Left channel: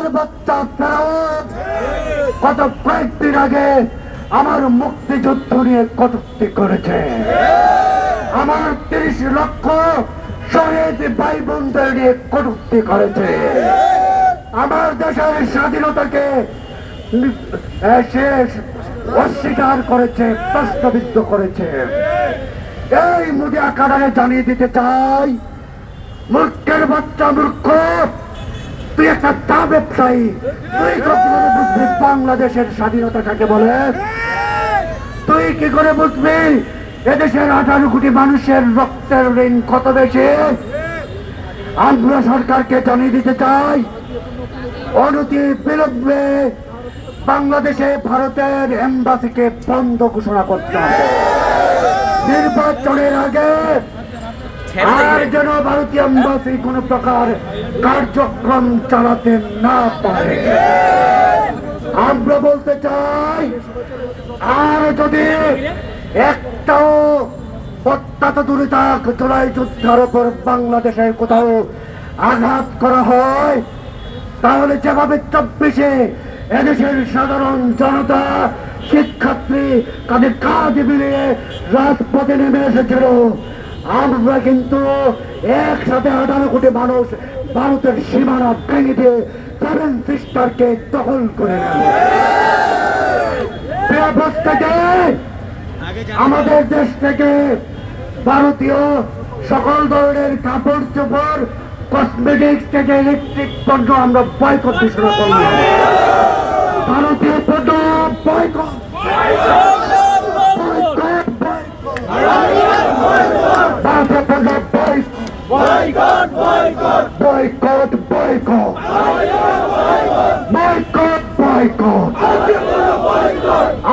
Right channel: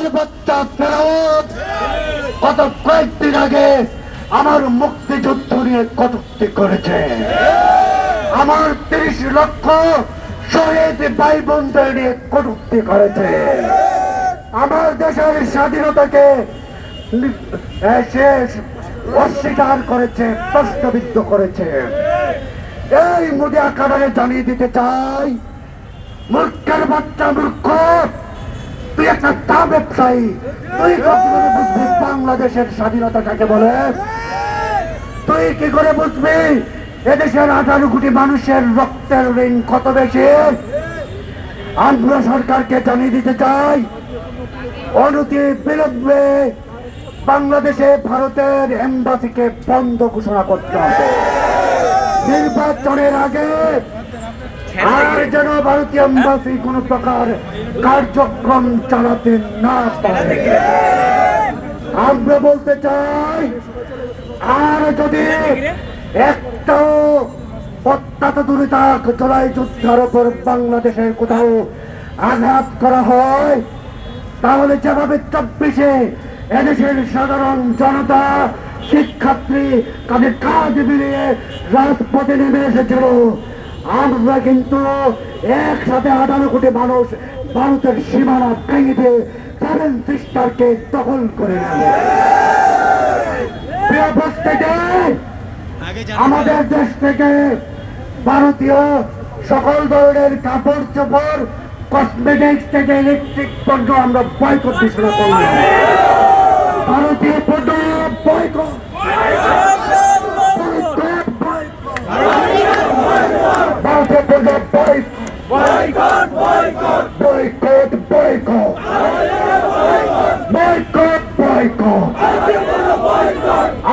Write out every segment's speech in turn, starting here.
মুখের বাচ্চা ফেরত গত কয়েকদিন আগে আমার মুক্তিযুদ্ধ নিয়ে কটূক্তি করেছে। আমার ৩০ লক্ষ শহীদ ভাই বোনদের নিয়ে কটূক্তি করেছে। আমার দেশের স্বাধীনতাকে শেষ অস্বীকার করেছে, প্রশ্নবিদ্ধ করেছে। এই মিডিয়া কারণে জানিয়ে দিতে চাই, মূর্খের বাচ্চা মূর্খ, তুই একটা চা ব্যবসায়ী, তুই কখনো বুঝবি বাংলাদেশের স্বাধীনতা কাকে বলে? তুই কি করে বুঝবি এদেশের 18 কোটি মানুষের রক্তের ঋণ কত বেশি? আমরা সরকারকে জানিয়ে দিতে চাই, অনতি বিলম্বে বাংলাদেশে ভারতের এম্বাসিকে বন্ধ ঘোষণা করতে হবে। নির্বাচনের আগে আর যেন ভারতীয় এম্বাসি কোন প্রকার কার্যক্রম চালাতে না পারে। আমরা বলতে চাই, আর যদি একটাও অত্যন্ত দূরে থাক জুলাই যুদ্ধের উপর বাংলাদেশের কোথাও আঘাত করা হয়, তাহলে যেভাবে 24-এ এদেশের সাধারণ জনতা, শিক্ষার্থী তাদের কাজ মিলিয়ে রাজপথে নেমে এসেছিল, আমরা কিন্তু একসাথে 18 কোটি মানুষ ভারতের সীমানা ভেঙে দিয়ে 7 সিস্টারকে দখল করে নেব। আমাদের দেশ থেকে ভারতীয় সকল ধরনের কাপড় চোপড়, কসমেটিক্স থেকে ইলেকট্রিক পণ্য আমরা বয়কট ঘোষণা করলাম। ভারতীয় পণ্য বয়কট, ভারতীয় পণ্য boycott, boycott, boycott, boycott, boycott.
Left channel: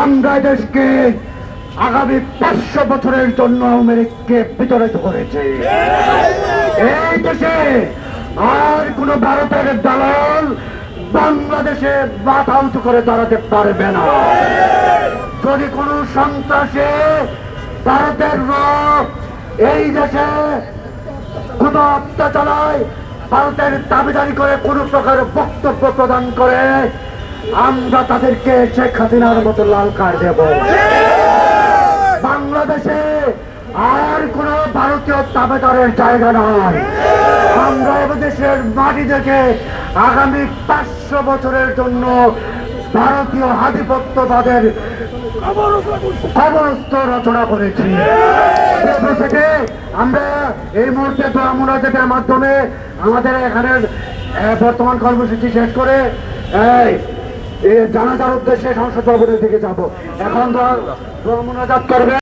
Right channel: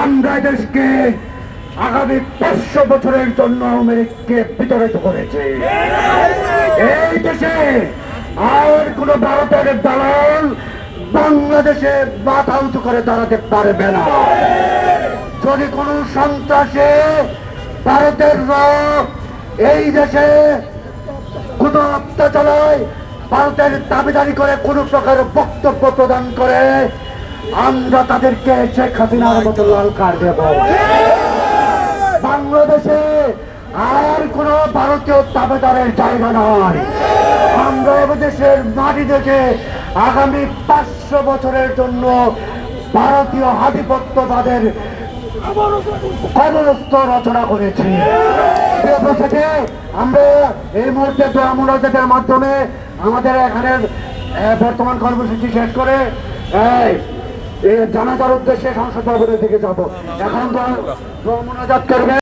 আমরা দেশকে আগামী 500 বছরের জন্য আমেরিকাকে বিতাড়িত করেছে। এই দেশে আর কোন ভারতের দালাল বাংলাদেশে মাথা উঁচু করে দাঁড়াতে পারবে না। যদি কোন সন্ত্রাসে ভারতের এই দেশে কোন অত্যাচারায় ভারতের দাবিদারি করে কোন প্রকার বক্তব্য প্রদান করে, আমরা তাদেরকে শেখ হাসিনার মতো লাল কার্ড দেব। বাংলাদেশে আর কোন ভারতীয় দাবিদারের জায়গা নয়। আমরা দেশের মাটি থেকে আগামী 500 বছরের জন্য ভারতীয় আধিপত্যবাদের কবরস্থ রচনা করেছি। আমরা এই মুহূর্তে ব্রাহ্মণের মাধ্যমে আমাদের এখানের বর্তমান কর্মসূচি শেষ করে জানাজার উদ্দেশ্যে সংসদ ভবনের দিকে যাবো। এখন তো ব্রাহ্মণাজাত করবে।